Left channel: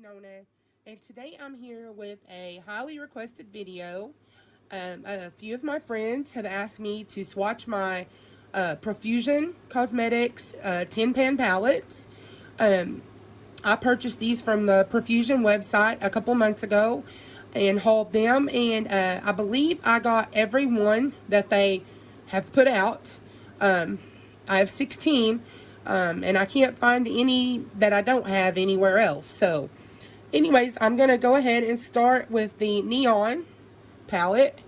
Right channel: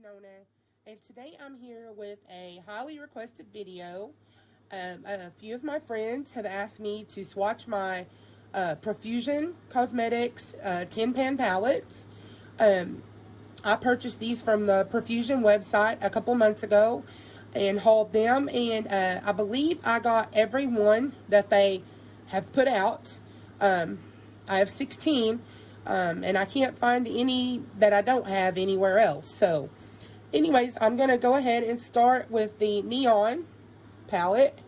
Nona, and today I'm here with a highly requested video. A few of my friends have asked me to swatch my Profusion Cosmetics 10-pan palettes. I purchased these from the Profusion website a couple months ago and hauled them, and I believe I got every one that they have put out. I have 16, and I can't find any that I don't have anywhere else. So anyways, I'm going to go ahead and start with the Neon palette.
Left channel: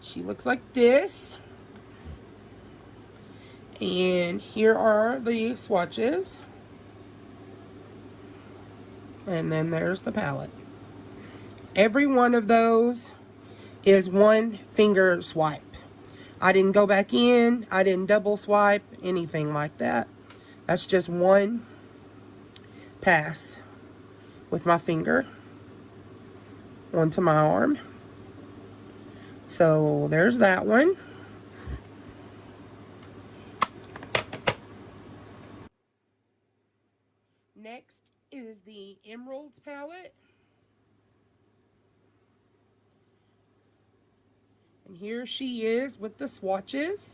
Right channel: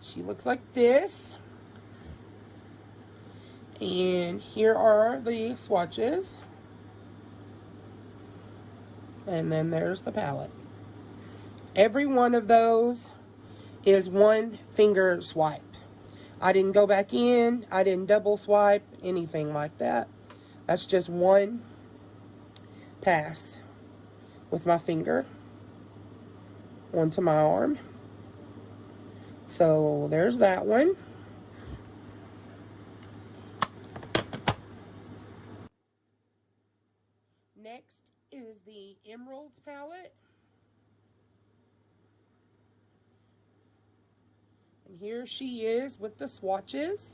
She looks like this. And here are the swatches. And then there's the palette. Every one of those is one finger swipe. I didn't go back in. I didn't double swipe, anything like that. That's just one pass with my finger onto my arm. So there's that one. Next is the Emeralds palette. And here she is with the swatches.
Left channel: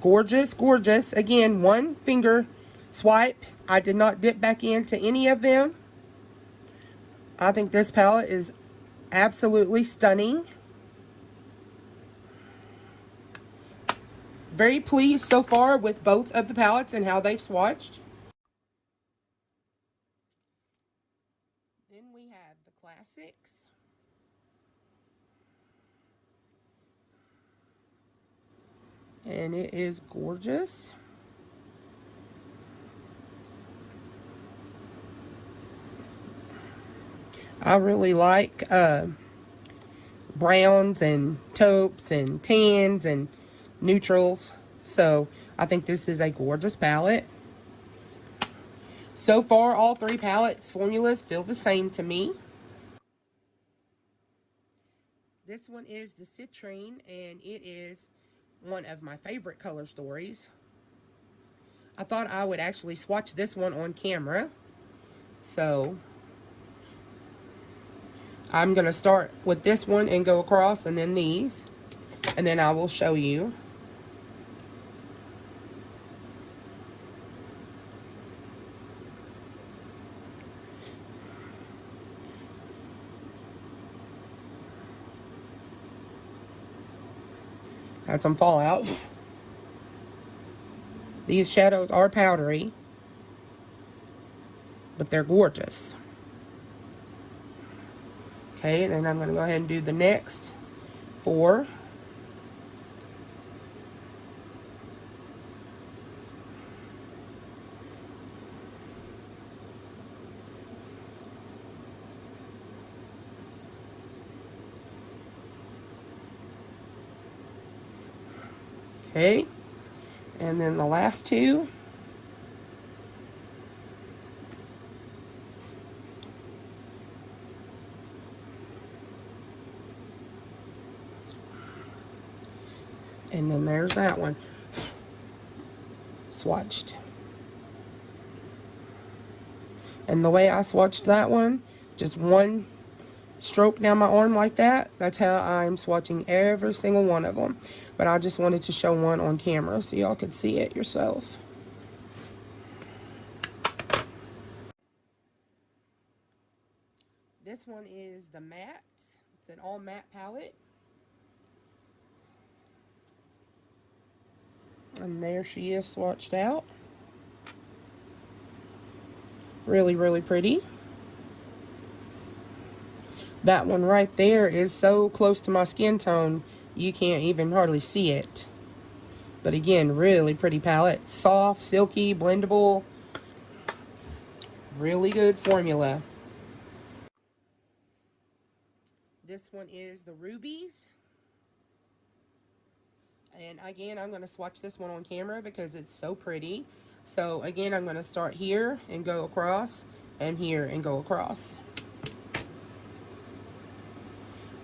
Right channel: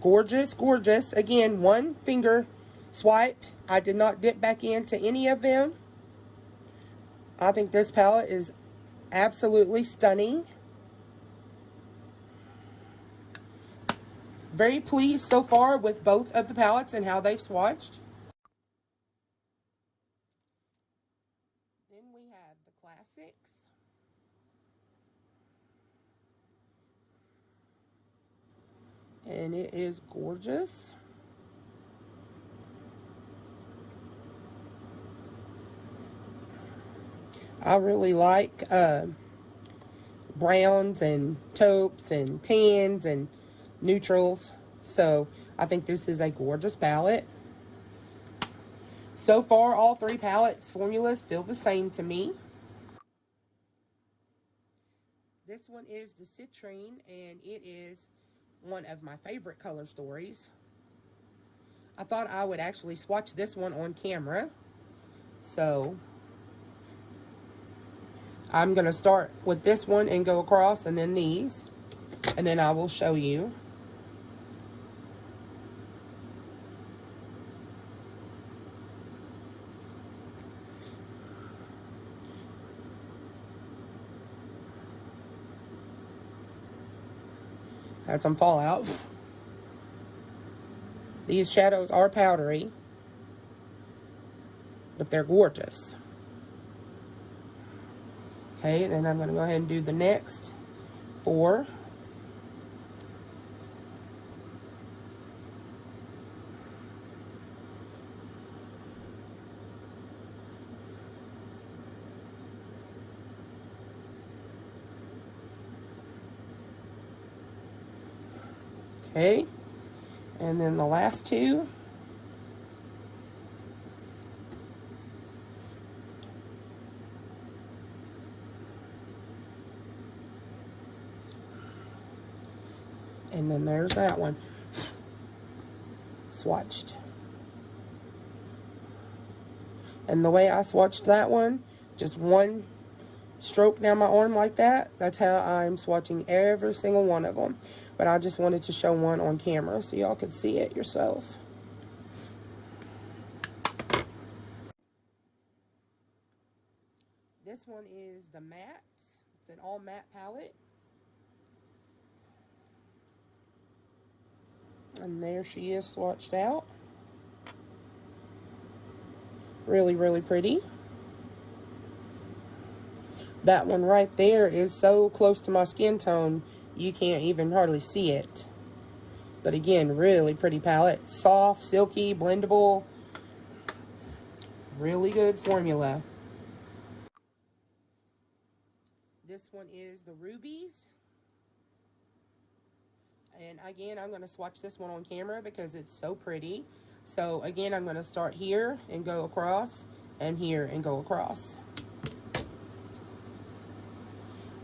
Gorgeous, gorgeous. Again, one finger swipe. I did not dip back into any of them. I think this palette is absolutely stunning. Very pleased so far with both of the palettes and how they've swatched. Then we have the classics. And it is gorgeous. I really like browns and taupes and tans and neutrals. So I think this is a gorgeous palette. So far, all three palettes formulas feel the same to me. This one is the Citrine, and it is one of my favorite color stories. I thought I would actually swatch this one on camera. So I'm going to start with this one and go across, and then these, and then I will show you. Had some fallout. These shadows are powdery, but they're gorgeous. Okay, and then I'm going to go ahead and do the next four. Okay, and then the last two. And then there's that one. Swatched. And the way I swatched that one, just one stroke down my arm like that. That's how I'm swatching every single one of them. But I just wanted to show one on camera so y'all could see it yourself. This one is the matte. It's an all matte palette. And there she is swatched out. Really, really pretty. That one right there is so close to my skin tone, you can't even hardly see it. But again, really pretty palette. Soft, silky, blendable. Really good formula. This one is the Rubies. And again, I'm going to swatch this one on camera because it's so pretty. So again, I'm going to start here and go across, and here and go across.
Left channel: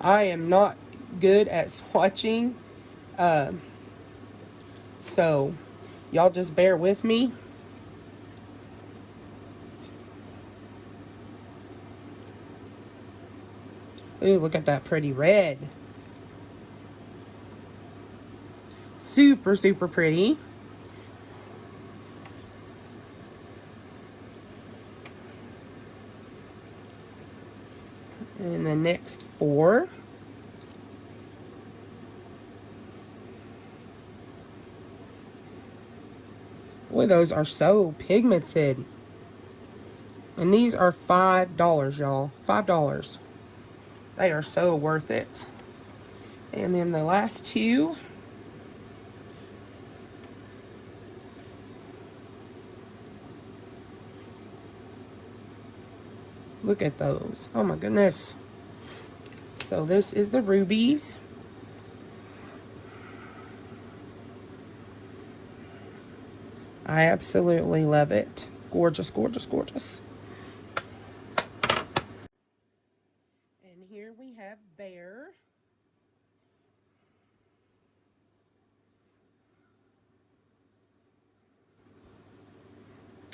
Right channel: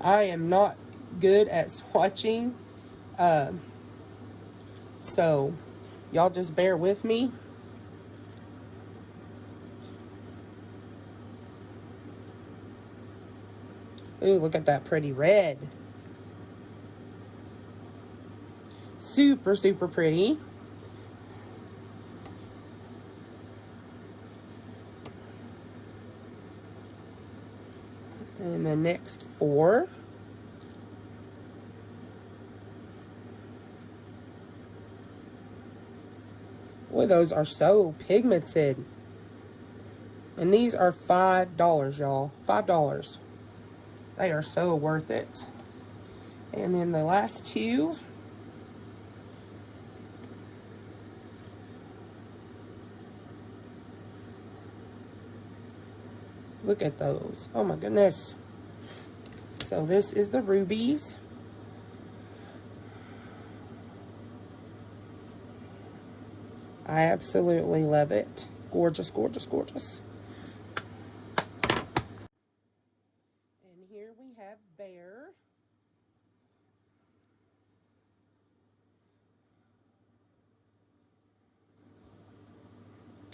I am not good at swatching, so y'all just bear with me. Ooh, look at that pretty red. Super, super pretty. And the next 4. Boy, those are so pigmented. And these are $5, y'all. $5. They are so worth it. And then the last 2. Look at those. Oh my goodness. So this is the rubies. I absolutely love it. Gorgeous, gorgeous, gorgeous. And here we have Bear.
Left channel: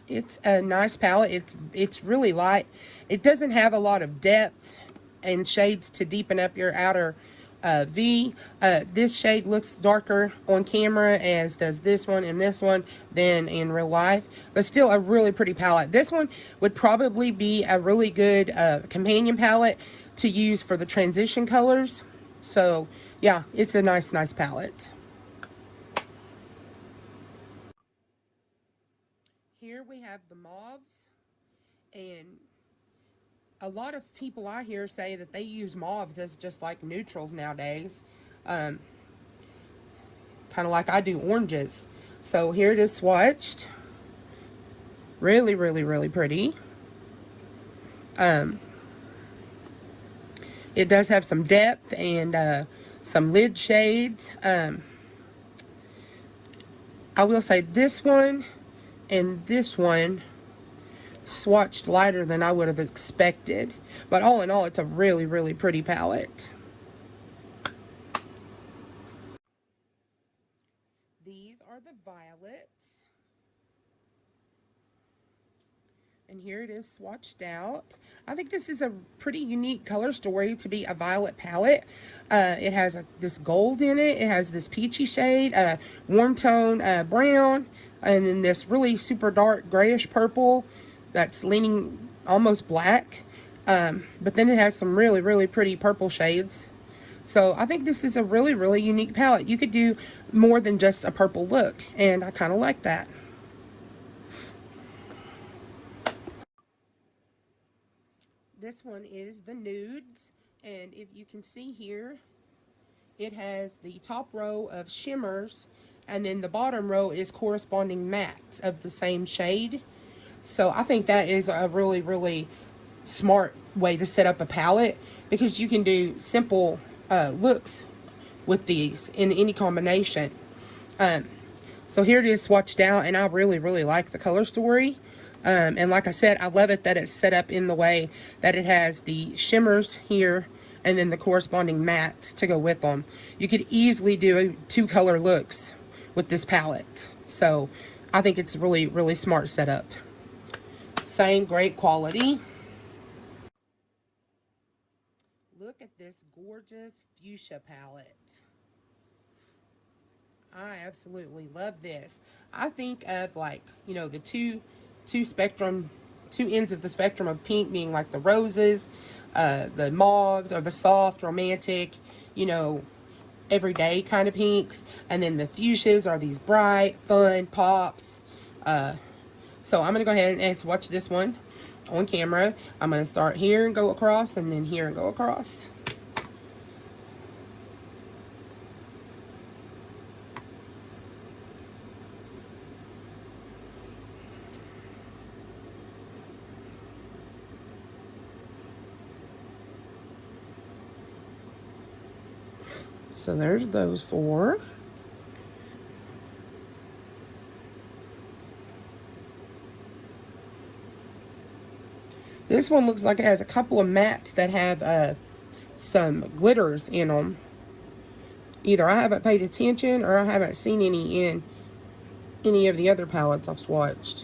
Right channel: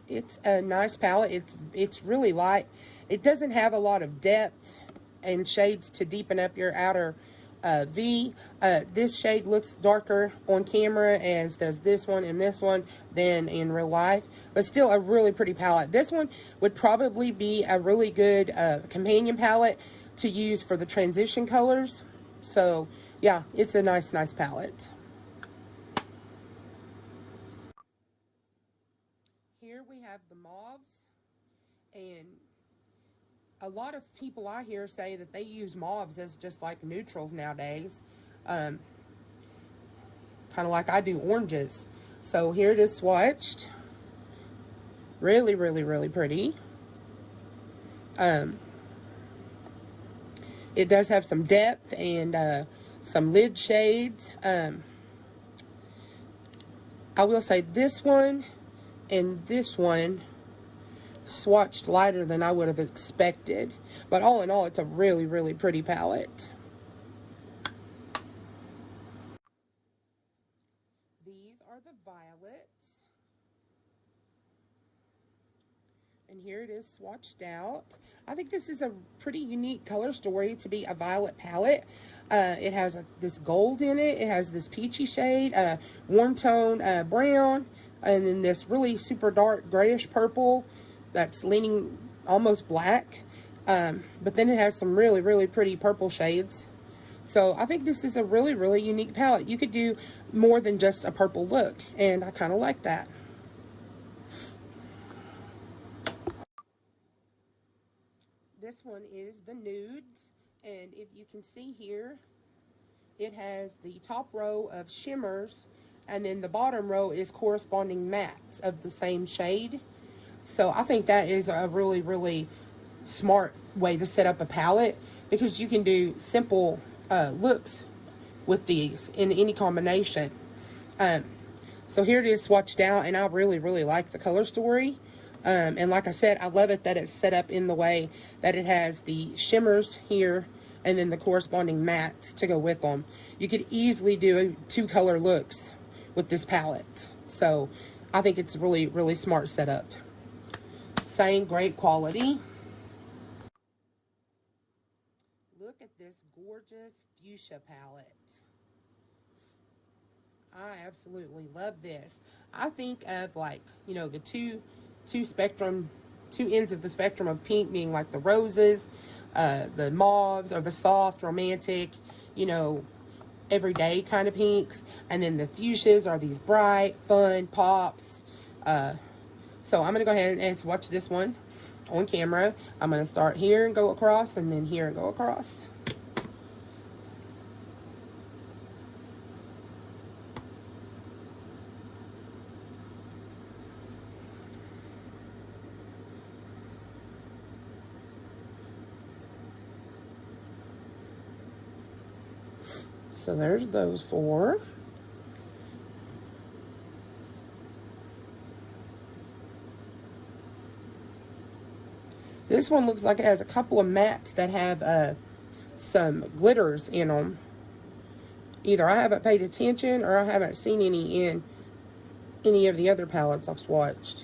It's a nice palette. It's really light. It doesn't have a lot of depth and shades to deepen up your outer V. This shade looks darker on camera, as does this one and this one, than in real life. But still a really pretty palette. This one would probably be a really good companion palette to use for the transition colors. So yeah, it's a nice palette. Here we have the mauves, and a lot of people I hear say that they use mauves as just like neutrals nowadays, kind of like I do oranges. So here it is swatched. Really, really, really pretty. It does have some depth and some lid shades. I will say this one and this one swatched lighter than I would have expected, but all in all, it's a really, really pretty palette. These are the violets, and here it is swatched out. I think this is a pretty unique color story to be a violet palette. It has this gold in it. It has this peachy shade, warm tone brown, and then this really super dark grayish purple that's leaning almost black. But then it has some really, really pretty purple shades. So I think this is a really, really unique palette. You could do more than just a purple look, and I kind of like that. This one is the nudes, and if you can see here, it has the top row of shimmers, and then the bottom row is corresponding mattes of the same shade. So I think that is a really, really smart way to set up a palette, because you can do simple looks with these in any combination. So here it is swatched out, and I really, really like the color story. And like I said, I love it that it's set up in the way that it has the shimmers here and then the corresponding mattes to go with them. You could easily do 2 color looks with this palette. So I think it's really, really smart setup. Same great quality. Look at this gorgeous fuchsia palette. I absolutely love this. I think of, like, you know, the two ends of the spectrum of pink being like the roses, the mauves, or the soft, romantic, you know, everyday kind of pinks, and then the fuchsias are these bright, fun pops. So I'm gonna go ahead and swatch this one on camera. I'm gonna start here and go across, and then here and go across. So there's those 4. This one looks like it has a couple of mattes that have some glitters in them. Either I haven't paid attention or I haven't seen any in any of the other palettes I've swatched.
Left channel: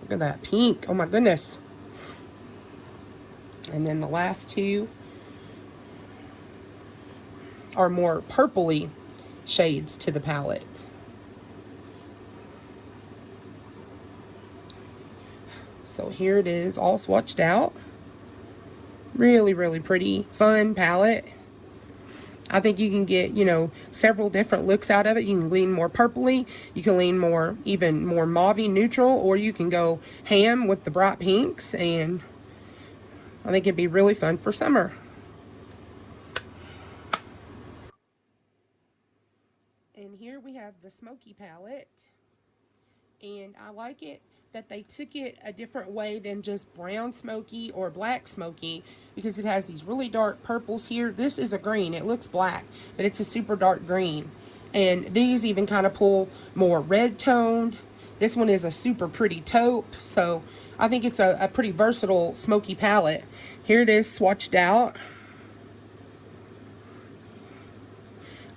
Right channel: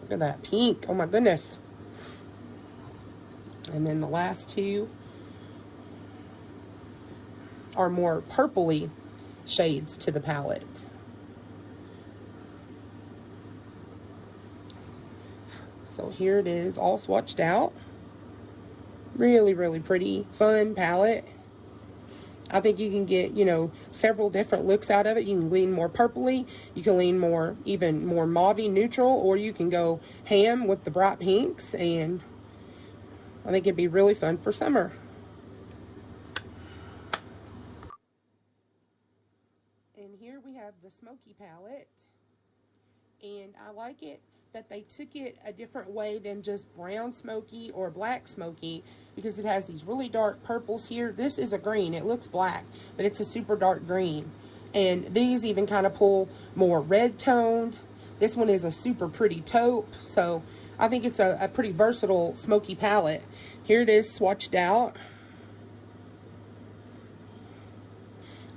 Look at that pink. Oh my goodness. And then the last two are more purpley shades to the palette. So here it is, all swatched out. Really, really pretty, fun palette. I think you can get, you know, several different looks out of it. You can lean more purpley, you can lean more, even more mauvey neutral, or you can go ham with the bright pinks, and I think it'd be really fun for summer. And here we have the Smoky palette, and I like it that they took it a different way than just brown smoky or black smoky, because it has these really dark purples here. This is a green. It looks black, but it's a super dark green. And these even kind of pull more red toned. This one is a super pretty taupe. So I think it's a pretty versatile smoky palette. Here it is swatched out.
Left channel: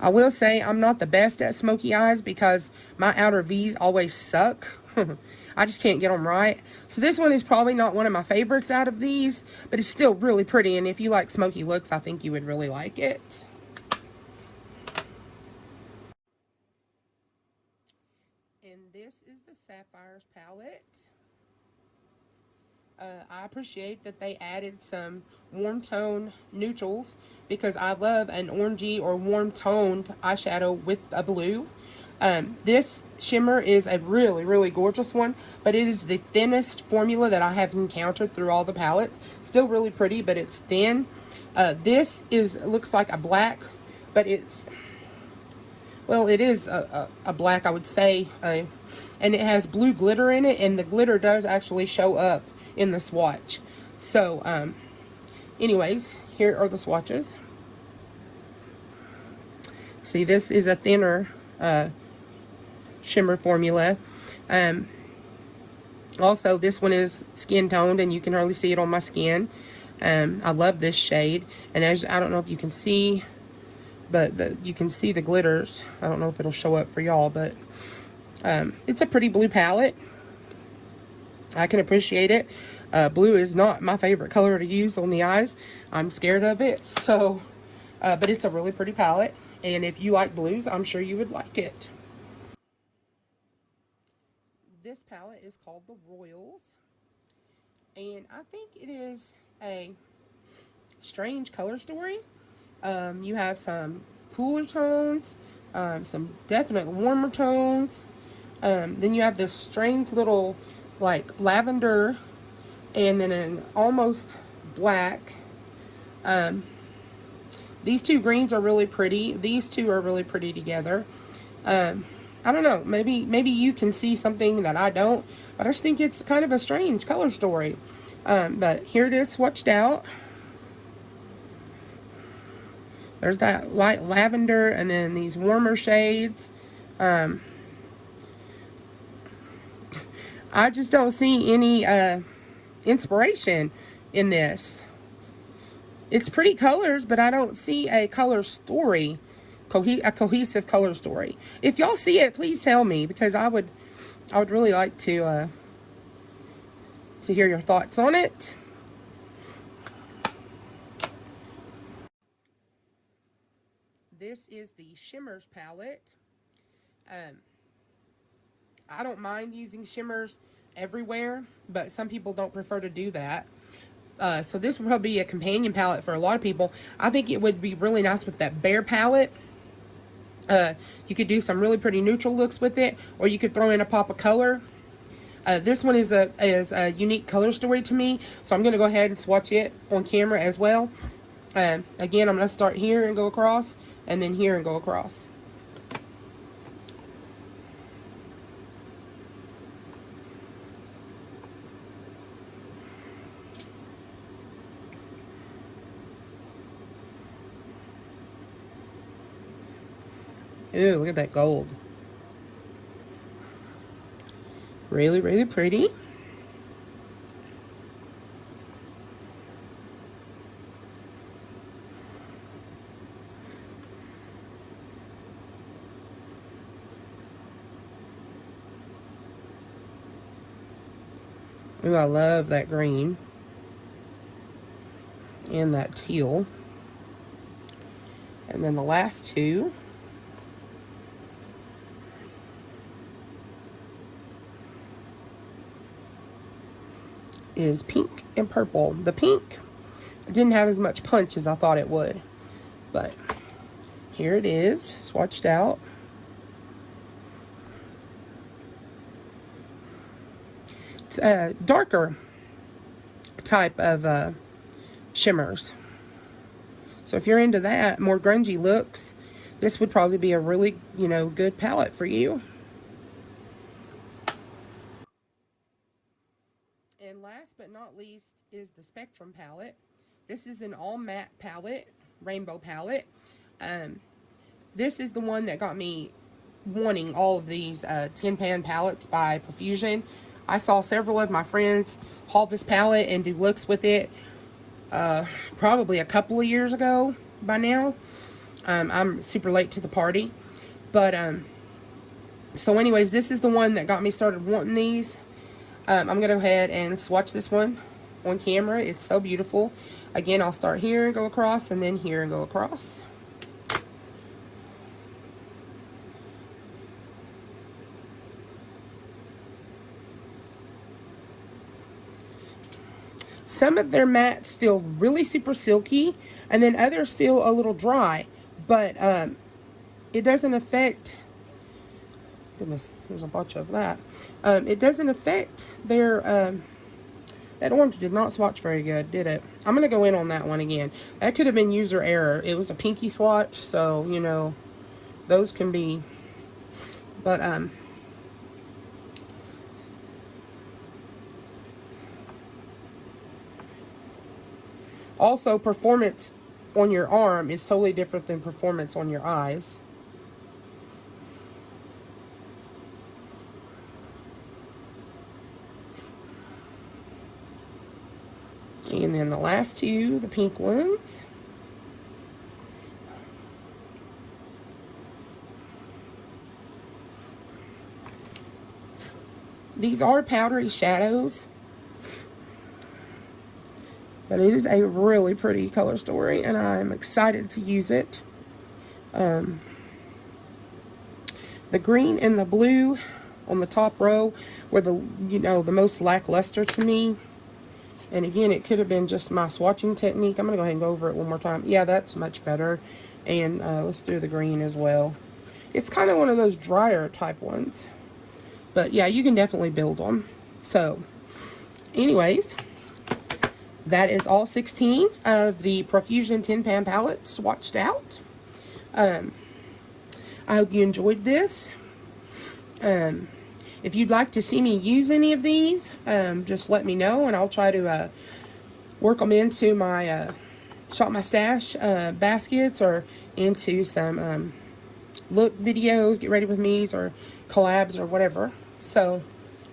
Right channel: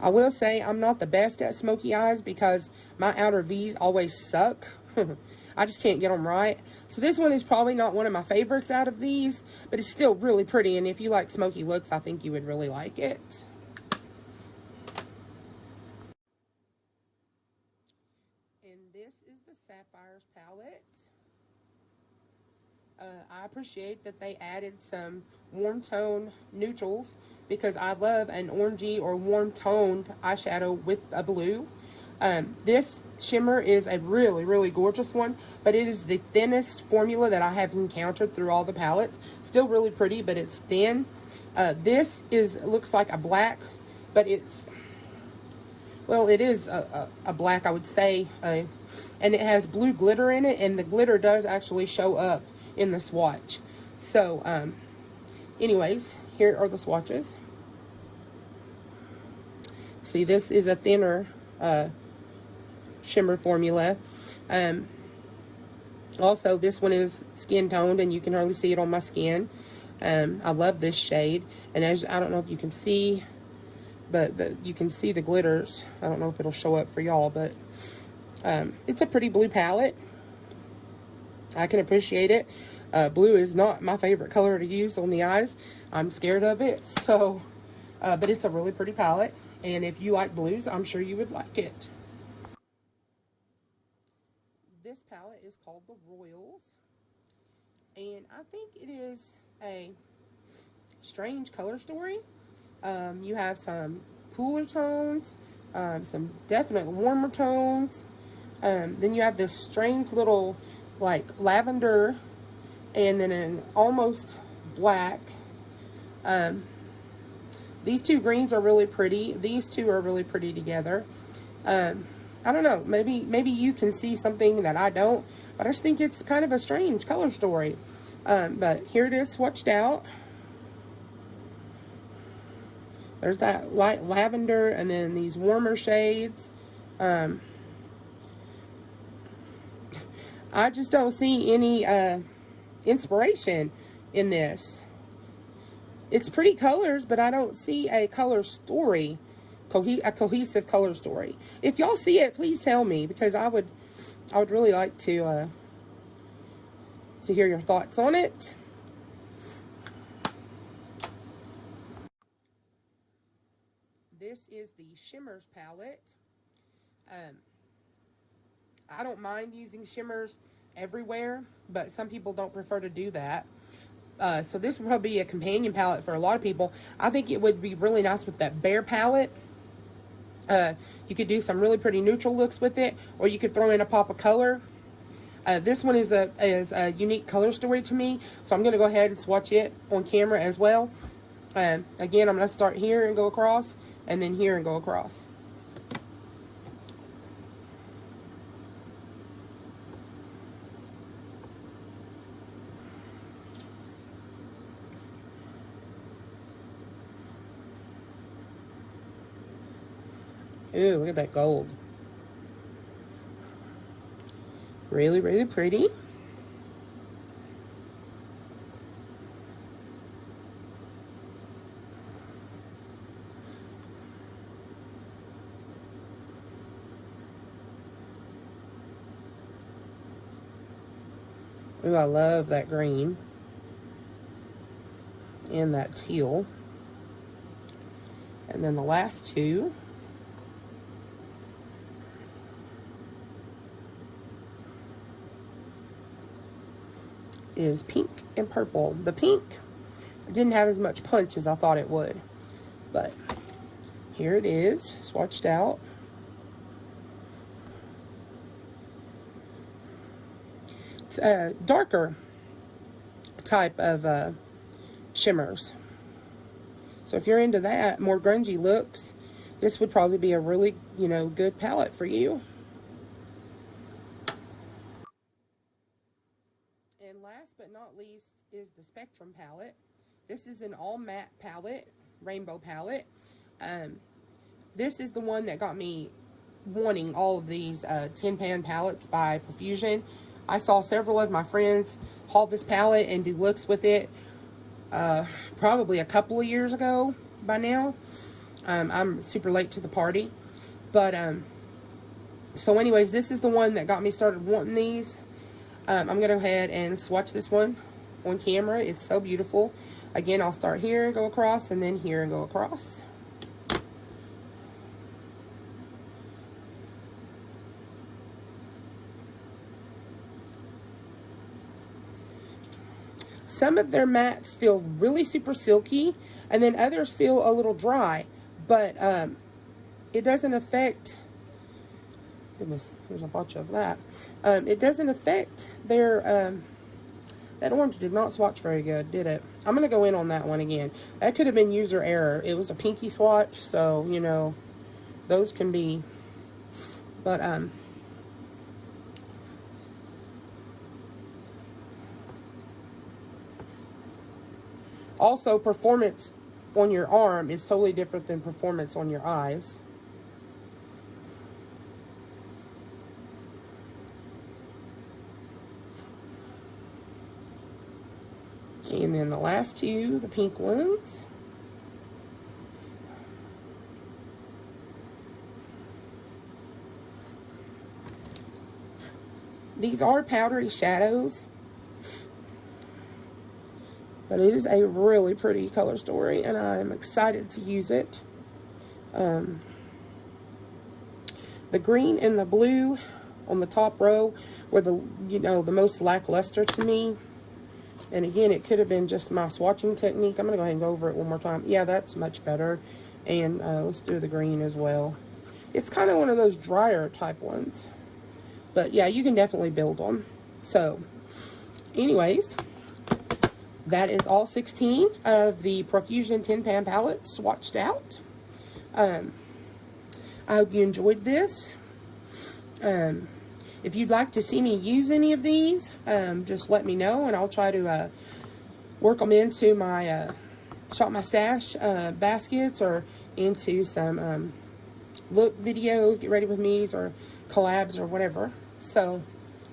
I will say I'm not the best at smoky eyes because my outer V's always suck. I just can't get them right. So this one is probably not one of my favorites out of these, but it's still really pretty. And if you like smoky looks, I think you would really like it. And this is the Sapphires palette. I appreciate that they added some warm tone neutrals because I love an orangey or warm toned eyeshadow with a blue. This shimmer is a really, really gorgeous one, but it is the thinnest formula that I have encountered through all the palettes. Still really pretty, but it's thin. This looks like a black, but it's, well, it is a black, I would say, and it has blue glitter in it, and the glitter does actually show up in the swatch. So, anyways, here are the swatches. See, this is a thinner shimmer formula. Also, this one is skin toned, and you can hardly see it on my skin. I love this shade, and as I don't know if you can see, but you can see the glitters. I don't know if it'll show up for y'all, but it's a pretty blue palette. I can appreciate it. Blue is not my favorite color to use on the eyes. I'm scared of it, so but it's a really pretty palette, and if you like blues, I'm sure you would like it. This palette is called the Royals, and I think it is a strange color story. You have some cooler tones, some definite warmer tones, then you have this strange little like lavender, and then an almost black. These two greens are really pretty. These two are really pretty together. I don't know, maybe you can see something that I don't, but I just think it's kind of a strange color story. But here it is swatched out. There's that light lavender, and then these warmer shades. I just don't see any inspiration in this. It's pretty colors, but I don't see a color story, a cohesive color story. If y'all see it, please tell me, because I would really like to hear your thoughts on it. This is the Shimmers palette. I don't mind using shimmers everywhere, but some people don't prefer to do that. So this would probably be a companion palette for a lot of people. I think it would be really nice with that Bear palette. You could do some really pretty neutral looks with it, or you could throw in a pop of color. This one is a unique color story to me, so I'm going to go ahead and swatch it on camera as well. Again, I'm going to start here and go across, and then here and go across. Ooh, look at that gold. Really, really pretty. Ooh, I love that green. and that teal. And then the last two is pink and purple. The pink didn't have as much punch as I thought it would, but here it is, swatched out. It's a darker type of shimmers. So if you're into that, more grungy looks, this would probably be a really, you know, good palette for you. And last but not least is the Spectrum palette. This is an all matte palette, rainbow palette. This is the one that got me wanting all of these tin pan palettes by Profusion. I saw several of my friends haul this palette and do looks with it probably a couple of years ago by now. I'm super late to the party, but so anyways, this is the one that got me started wanting these. I'm gonna go ahead and swatch this one on camera. It's so beautiful. Again, I'll start here and go across, and then here and go across. Some of their mattes feel really super silky, and then others feel a little dry, but it doesn't affect, goodness, there's a bunch of that. It doesn't affect their, that orange did not swatch very good, did it? I'm going to go in on that one again. That could have been user error. It was a pinky swatch, so, you know, those can be, but, also, performance on your arm is totally different than performance on your eyes. And then the last two, the pink ones. These are powdery shadows. But it is a really pretty color story, and I'm excited to use it. The green and the blue on the top row were the, you know, the most lackluster to me. And again, it could have been just my swatching technique. I'm gonna go ahead and go over it one more time. Yeah, that's much better. And let's do the green as well. It's kind of one of those drier type ones. But yeah, you can definitely build them. So, anyways, that is all 16 of the Profusion tin pan palettes swatched out. I hope you enjoyed this. If you'd like to see me use any of these, just let me know, and I'll try to work them into my Shop My Stash baskets, or into some look videos, get ready with me's, or collabs, or whatever. So,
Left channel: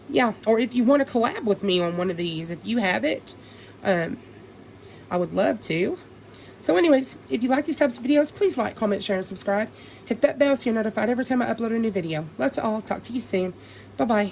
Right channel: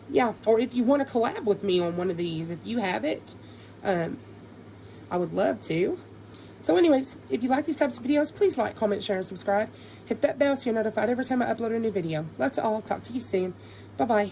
yeah. Or if you want to collab with me on one of these, if you have it, I would love to. So anyways, if you like these types of videos, please like, comment, share, and subscribe. Hit that bell so you're notified every time I upload a new video. Love to all. Talk to you soon. Bye-bye.